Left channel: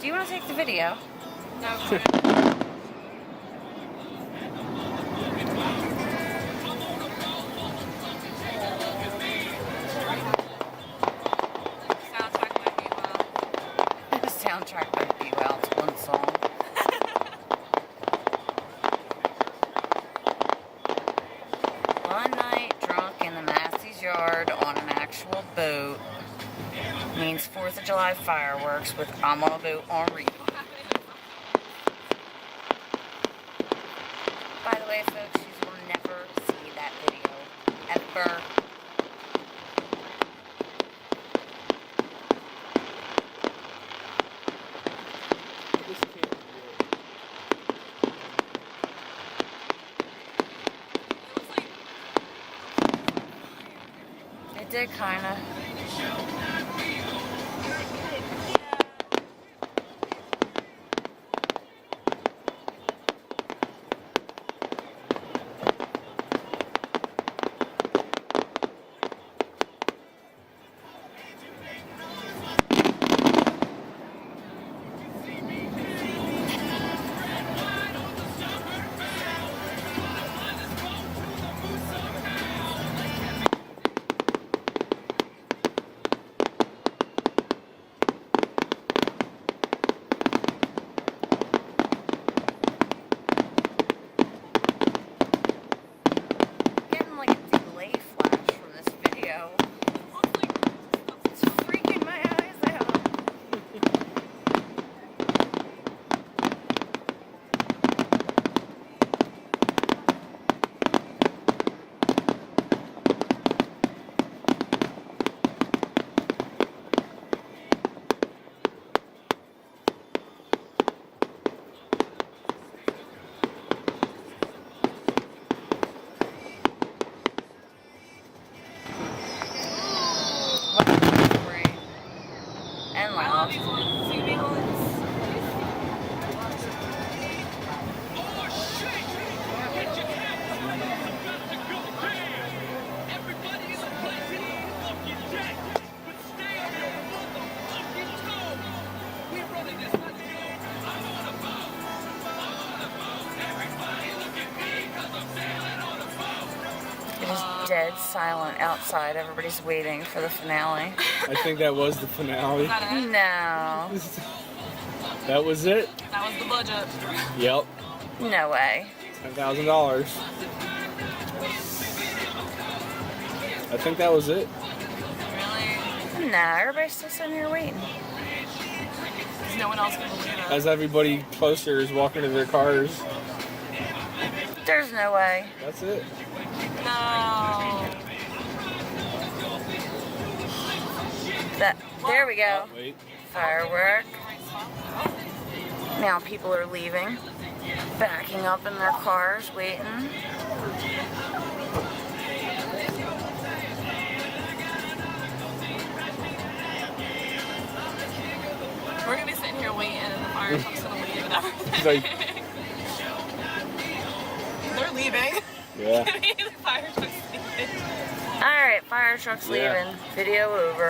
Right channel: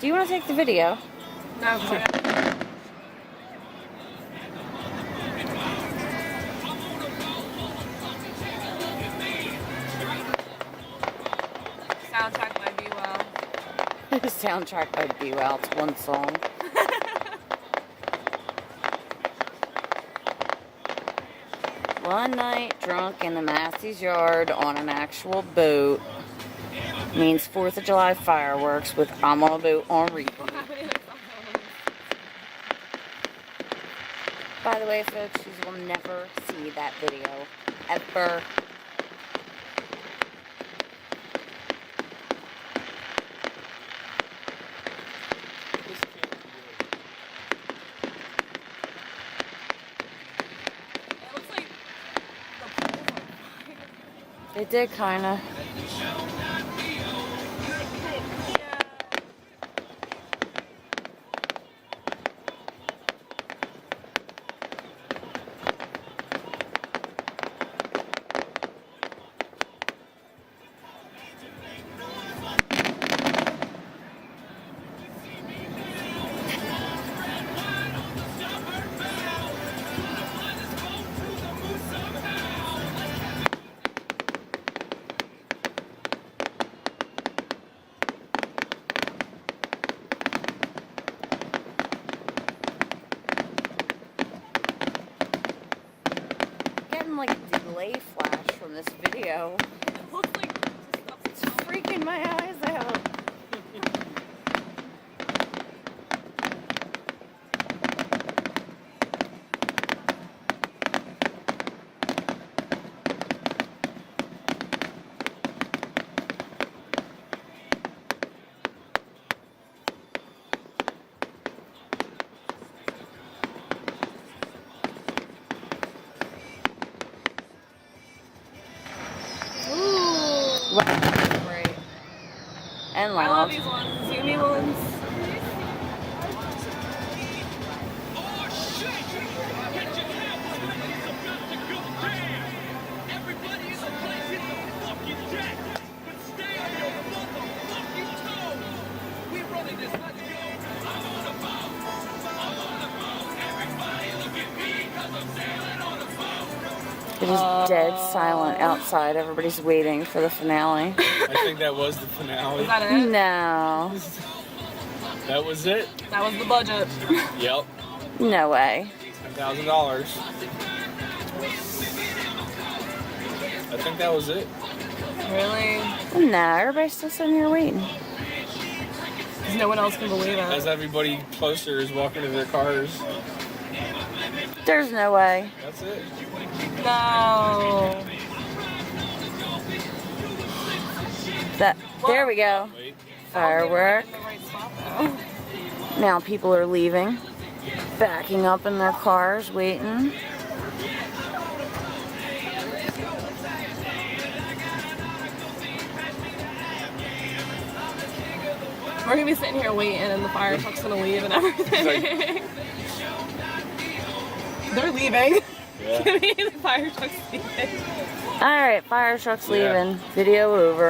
Do you want to take the video? No, Soundtrack by Be Well. Soundtrack by Be Well. It's one song. One night drunk in the Massey's yard on an actual boat means 4th of July fireworks with I'm on a boat on replay. By the way, folks, you will never see that video. Ever. It did kinda. Like a delay flash from this video. It's freaking my eyes out. Great. And loud. I love these ones. You need ones. It is dead silent outside. Everybody's waiting for the finale. I think that was the finale. Is that it? No. That was it? That was the budget. Yep. No way. $10,000. I think that was it. Really? No, everybody's still sitting here waiting. Because no one else can believe it. As everybody closer is walking to their cars. There's no way. That's it. No. There we go. Wait. Firework. Now people are leaving. Backing up in their cars, waiting. We're going to be sitting here waiting and the fire truck's going to leave and everything. Like, they're leaving. yeah. The fire truck's leaving. Alright, fire truck's leaving. Video over.